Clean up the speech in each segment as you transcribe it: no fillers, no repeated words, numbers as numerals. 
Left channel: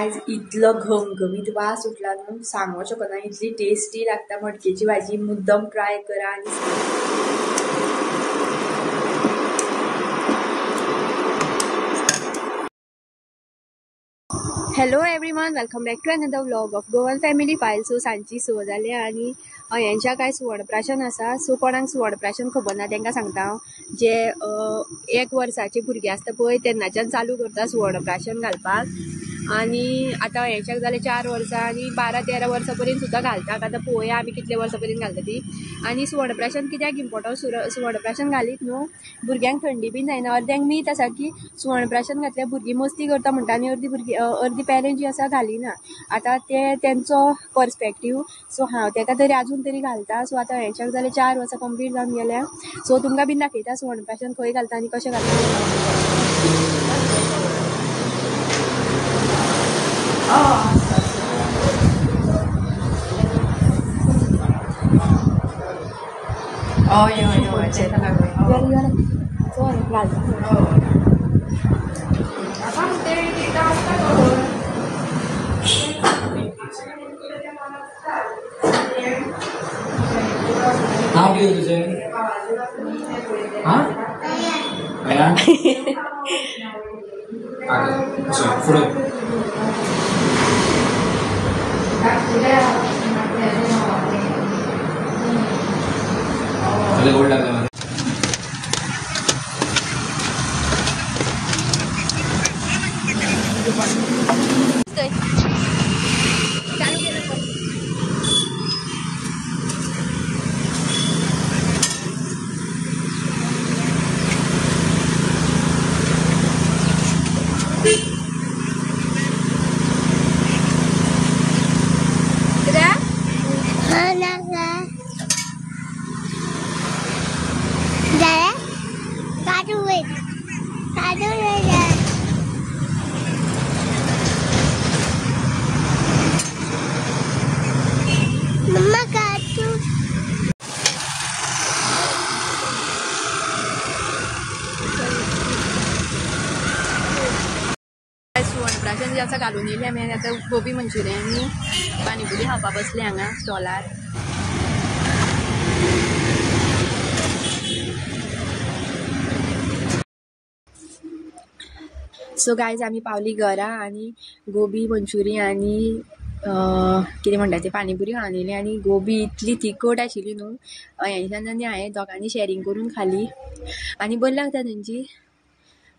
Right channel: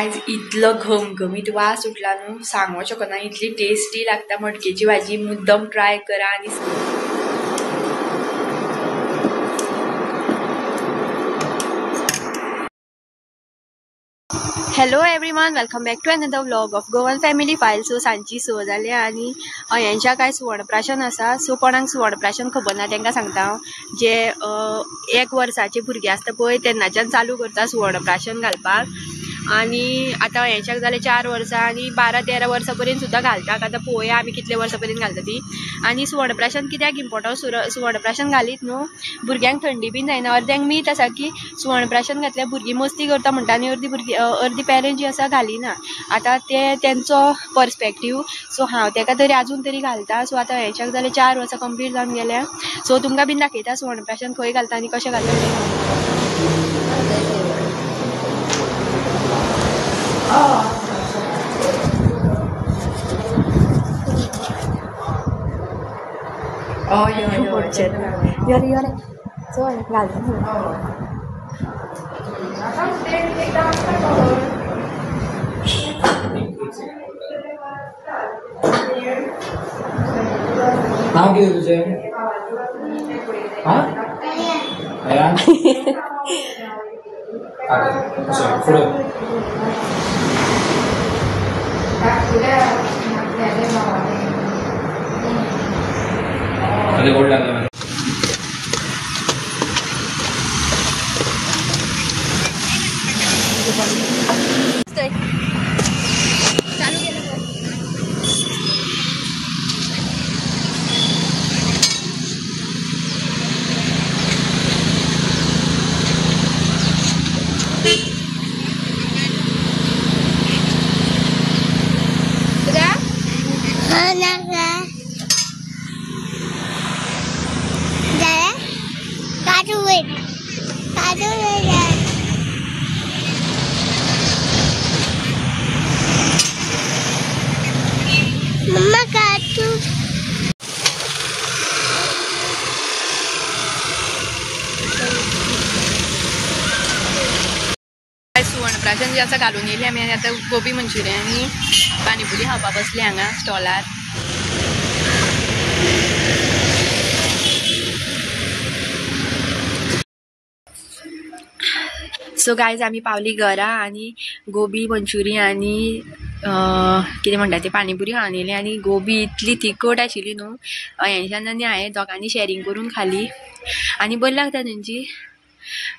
आज इतलो घमघमीत वास सुटला न्हू सांगूंक शकना, इतली टेस्टी लागता मटकेची भाजी. मुद्दम ट्राय करा. आणि hello everyone, welcome back to another vlog of Goan family file. So सांजची 6 जाली आनी यांच्या काय सुवर्णप्राशन आसा. सो कोणाक सुवर्णप्राशन खबर ना तांकां सांगता हांव. जे 1 वर्साचे भुरगे आसता पळय तेन्नाच्यान चालू करता सुवर्णप्राशन घालपाक. आणि आतां हेंच्याक जाले 4 वर्सां आनी 12-13 वर्सां पर्यंत सुद्दां घालतात. आतां पळोवया आमी कितले वर्सां पर्यंत घालता ती. आनी सुवर्णप्राशन कित्याक इम्पॉर्टंट, सुवर्णप्राशन घालीत न्हू भुरग्यांक थंडी बीन जायना. अर्द्यांक मीठ आसा की सुवर्णप्राशन घातल्यार भुरगीं मस्ती करता म्हणटा आनी अर्दी पेरंट जी आसा घालिना. आतां ते तेंचो पर्सपेक्टीव. सो हांव ताका तरी आजून तरी घालता. सो आतां हेंच्याक जाले 4 वर्सां कंप्लीट जावन गेल्या. सो तुमकां बीन दाखयता सुवर्णप्राशन खंय घालता आनी कशें घालता तें. नाव किती तुझे? पुढे गोड लागला. Mama kartu. सुवर्णप्राशन जे आसा घालून येयली आमी. आनी आतां गोबी मंचुरियन आनी पाणीपुरी खावपाक बसली हांगा स्टॉलार. सो गायज आमी पावली घरा. आनी गोबी मंचुरी आनी कितें म्हणटा ती पाणीपुरी खावन येयली. आनी गोबी इतली तिखट आशिल्ली न्हू हेंच्यान आनी हांवें दोगांनी शेअरिंग करून खाली. आनी बरी लागता तेंची.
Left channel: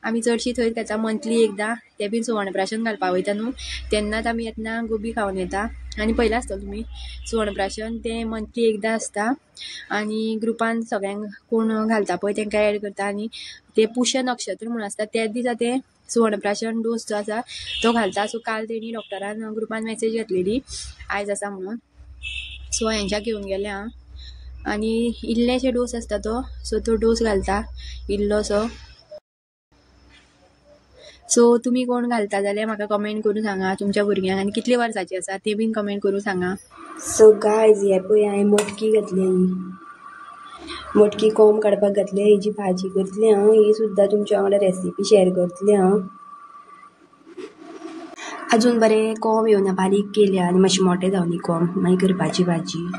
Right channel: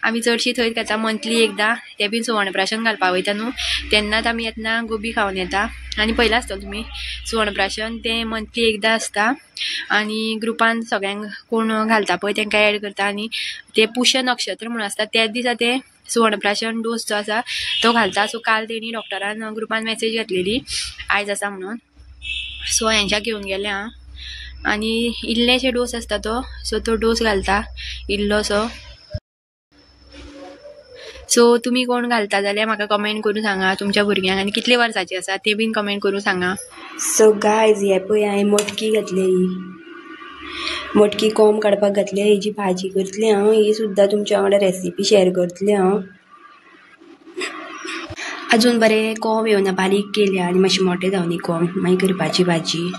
आमी चडशी थंयच घेता मंथली एकदां. ते बीन सुवर्णप्राशन घालपाक वयता न्हू तेन्नाच आमी येतना गोबी खावन येता. आनी पयला आसतलो तुमी सुवर्णप्राशन तें मंथली एकदां आसता. आनी ग्रुपान सगळ्यांक कोण घालता पळय तांकां एड करता. आनी ते पुष्य नक्षत्र म्हणून आसता त्याच दिसा ते सुवर्णप्राशन डोस जो आसा तो घालता. सो काल तेणी डॉक्टरान ग्रुपान मेसेज घातलेली आयज आसा म्हणून. सो हेंच्याक घेवन गेलें हांव. आनी इल्लेशे डोस आसता तो. सो तो डोस घालता इल्लोसो. सो तुमी कोण घालता जाल्यार म्हाका कमेंट करून सांगा तुमच्या भुरग्यांक. आनी कितले वर्साची आसा ते बीन कमेंट करून सांगा. सो गायज हे पळय हांवें मटकी घातली. मटकी कोंब काडपाक घातली. हेजी भाजी करतली हांव. ही सुद्दां तुमच्या वांगडा रेसिपी शेअर करतलें हांव. अजून बरें कोंब येवना बारीक केल्या आनी मातशें मोठे जावनी कोंब मागीर करपाची भाजी.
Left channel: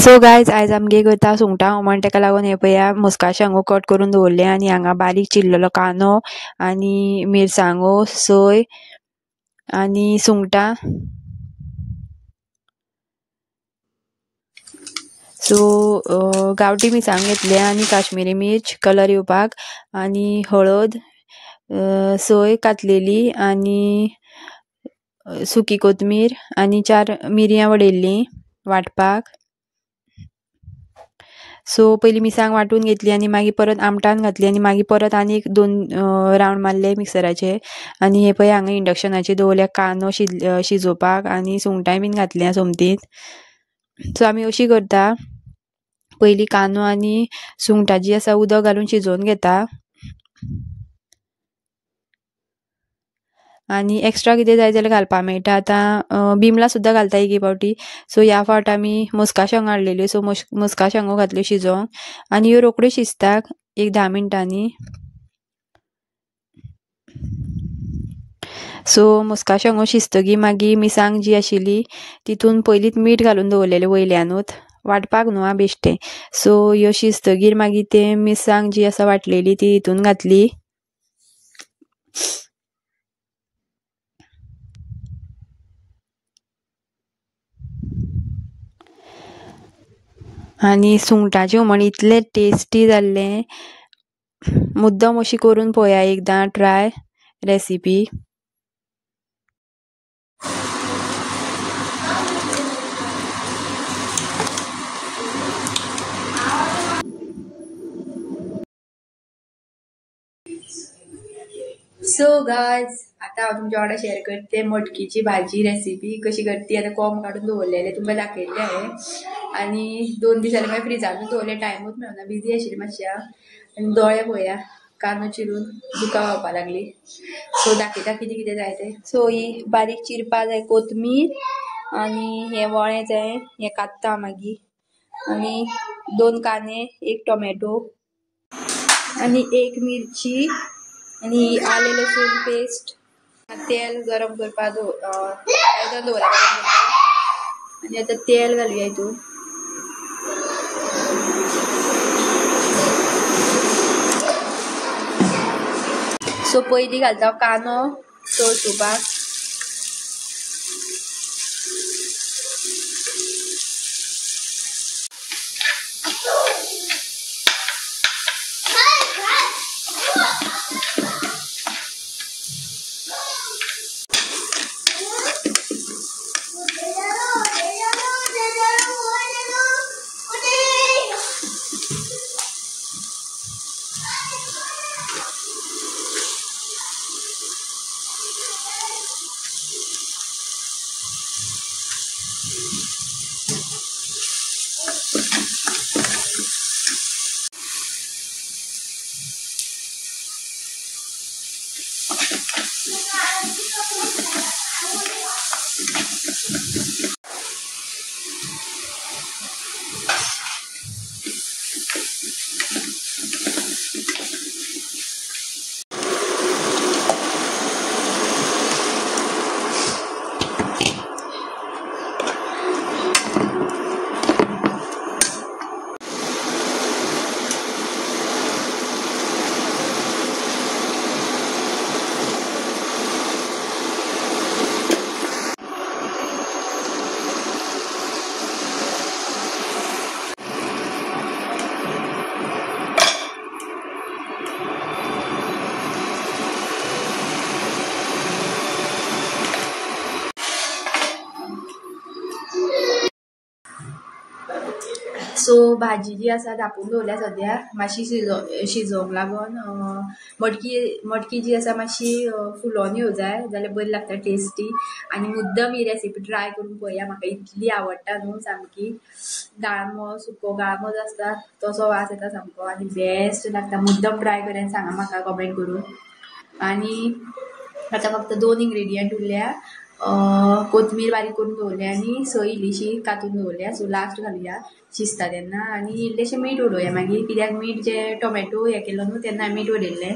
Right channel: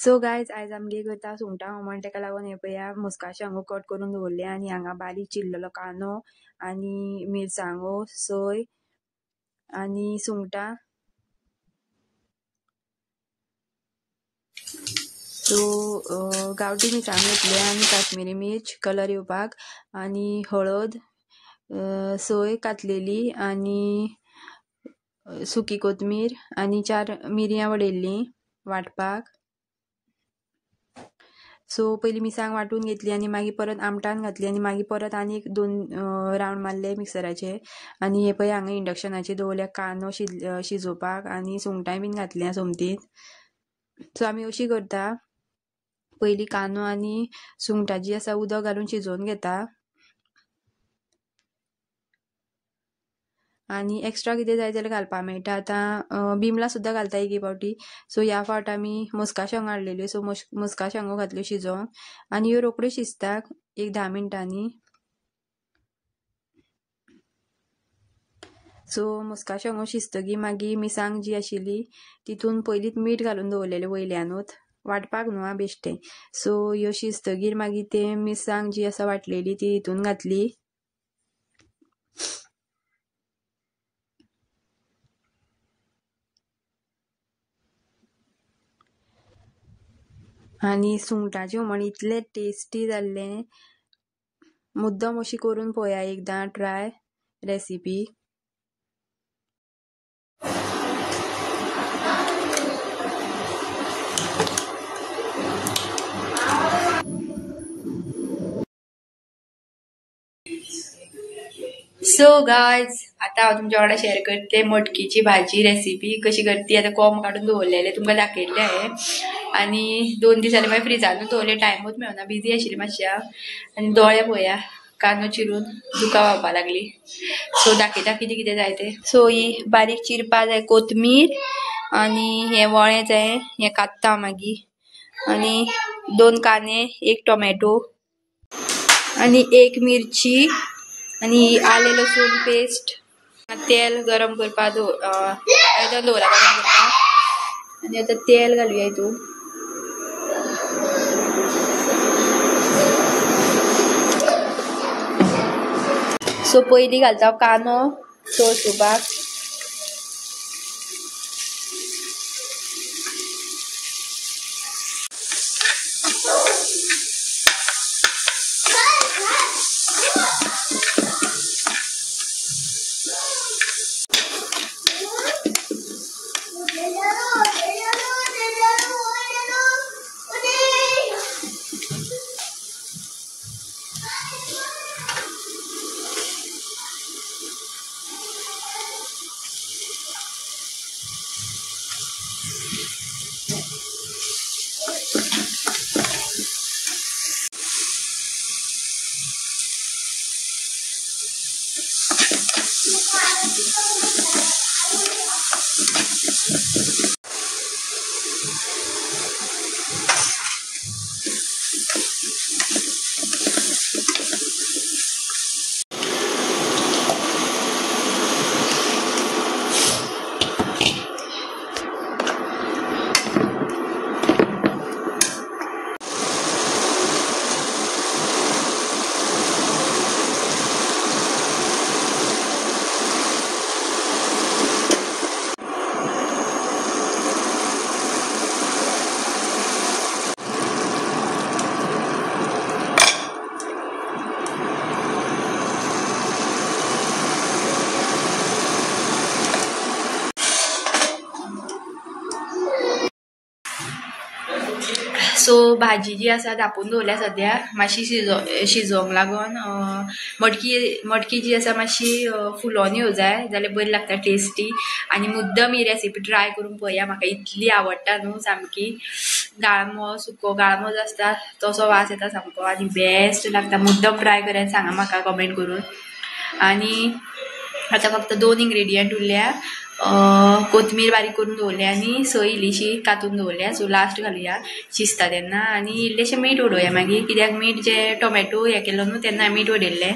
सो गायज आयज आमी कितें करता सुंगटां हुमण ताका लागून हे पळया मुस्का शांगो कट करून दवरले. आनी हांगा बारीक चिरलेलो कांदो आनी मिरसांगो सोय आनी सुंगटां. सो गांवठी मिरसांग घेतले आनी काश्मीरी मिर्च कलर येवपाक आनी हळद सोय कातलेली आनी सुकी कोथमीर आनी 4 मिरयां वडयल्लीं वांटपाक. सो पयलीं मिरसांग वांटून घेतली आनी मागीर परत आमटान घातली आनी मागीर परत आनी 2 रावंड मारले मिक्सराचे. आनी हे पळय हांगा इंडक्शनाचेर दवरल्या कांदो शिजोवपाक आनी सुंगटांय बीन घातल्या सोमतीन. सो आमी अशी करता पयलीं कांदो आनी सुंगटां जी आसा उदक घालून शिजोवन घेता. आनी एक्स्ट्रा कितें जाय जाल्यार घालपाक मेळटा. आतां बिमला सुद्दां घालता एक पावटी. सो ह्या फावट आमी मुस्का शांगो हाडलेल्यो. सो मुस्का शांगो घातल्यो शिजोवंक आनी ह्यो रोखड्यो शिजता एक 10 मिनटांनी. सो मुस्का शेंगो शिजतकीर मागीर मिरसांग जी आशिल्ली तितून पयलींच मीठ घालून दवरलेलें वयल्यानूच वाटपाक न्हू आं बेश्टें. सो ह्यो शिजतकीर मागीर तें मिरसांग जी आसा वाटलेली ती हितून घातली. आनी सुंगटाचें हुमण इतलें टेस्टी जाल्लें. मुद्दम अशी करून पळोवया एकदां ट्राय रेसिपी. सो गायज आतां हांव तुमच्या वांगडा शेअर करते मटकीची भाजी रेसिपी कशी करती. आतां कोंब काडून दवरलेले तुमकां दाखयल्ले हांवें आनी 2 दीस जाले मागीर फ्रिजानूच दवरले. टायमूच मेळना बिजी आशिल्ली मातशें आनी दोळे पळया कांदो चिरून दुकां व्हांवपा लागली. सो दाखयता कितें कितें जाय तें. सो ही बारीक चिरपा जाय कोथमीर आनी हें वळें जाय हें कात्ता मागीर आनी 2 कांदे 1 टोमॅटो आनी 1 मिरची आनी आले लसूण पेस्ट. तेल गरम करपा आयदन दवरला गरम करपा आनी आतां तेल घालुया हितून. सो पयलीं घालता कांदो तळसुपाक. सो भाजी जी आसा धापून दवरल्या सद्या मातशी शिजोवंक लागून. मटकी जी आसा मातशी फुलोन येवं जाय जाल्यार बरी लागता टेस्टी. आनी मुद्दम ही रेसिपी ट्राय करून पळोवया. म्हाका इतली आवडटा न्हू सामकी. गाळमो सुको गाळमो जो आसता तसो वास येता सामको आनी बेस्ट लागता. मुद्दम ट्राय करात सांगा म्हाका कमेंट करून. आनी आतां फक्त 2 इंग्रेडियंट उरल्या. कोथमीर बारीक करून दवरल्या आनी सोय इल्लीशी कातून दवरल्या. सो लास्ट घालुया शिजता तेन्ना आनी इल्लेशें मीठ उडोवया मागीर कित्याक मीठ जे टोमॅटो हें केलो न्हू तेन्ना मीठ उडयल्लें.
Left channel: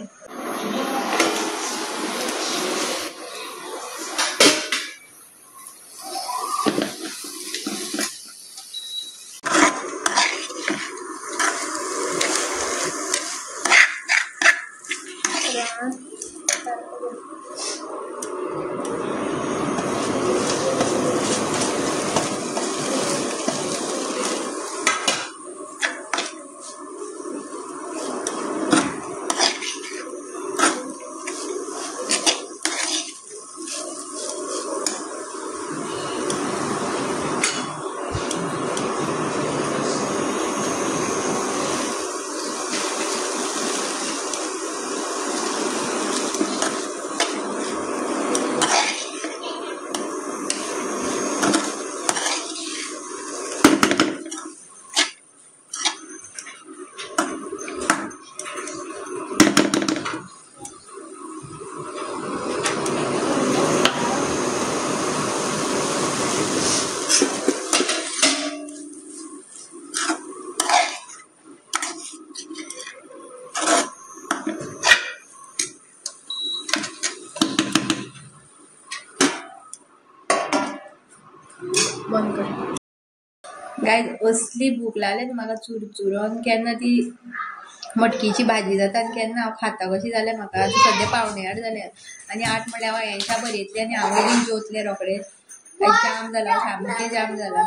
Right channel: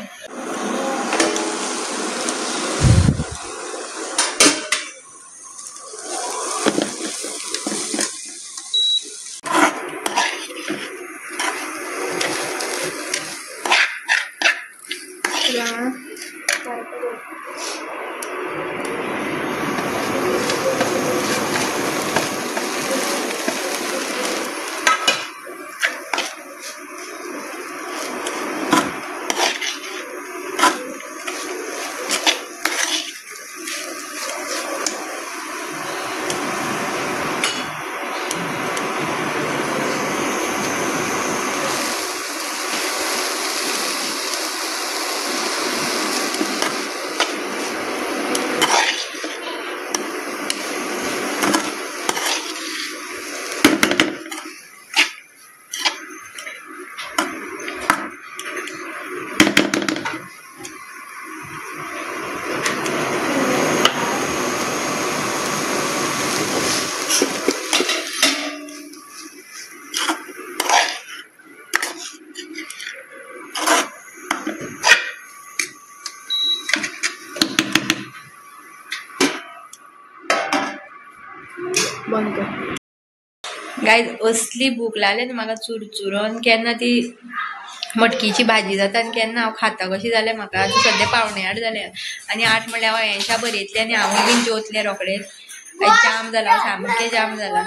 बंद कर. गायज असली भूक लागली न्हू म्हाका चुरचुरोन. केन्ना ती मटकीची भाजी जाता आनी केन्ना हांव खाता कशी जाल्यार म्हाका. आतां सद्या 8:45 जाल्या आनी 8 म्हणल्यार हांव हेंच्या बरयतलें आनी हांवूय बीन जेवतलें रोखडेंच. जाम जाला, हांव सामकें जाम जाला.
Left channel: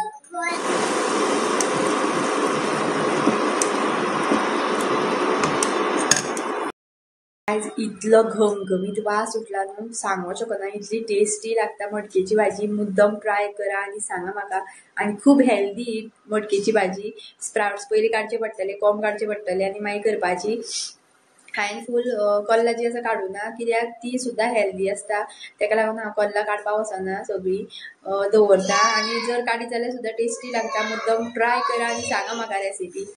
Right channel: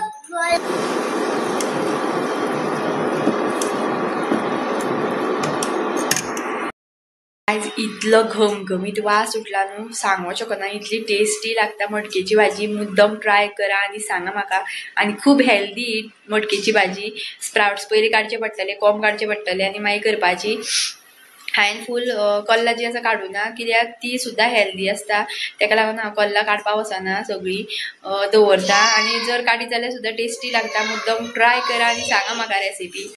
आयज इतलो घमघमीत वास सुटला न्हू सांगूं शकना. इतली टेस्टी लागता मटकेची भाजी. मुद्दम ट्राय करा आनी सांगा म्हाका. आनी खूब हेल्दी मटकेची भाजी. स्प्राउट्स पयलीं काडचे पडटले, कोंब काडचे पडटले आनी मागीर करपाची. हांवें फूल कल्लां जी आसा काडूना कित्याक ती सुद्दां हेल्दी आसता. तेका लागून हांव कल्लां काडपाक वचना, सगळीं दवरता. आनी जर काडीत जाल्यार सुद्दां टेस्टी लागता. मुद्दम ट्राय करा आनी सांगा म्हाका रेसिपी.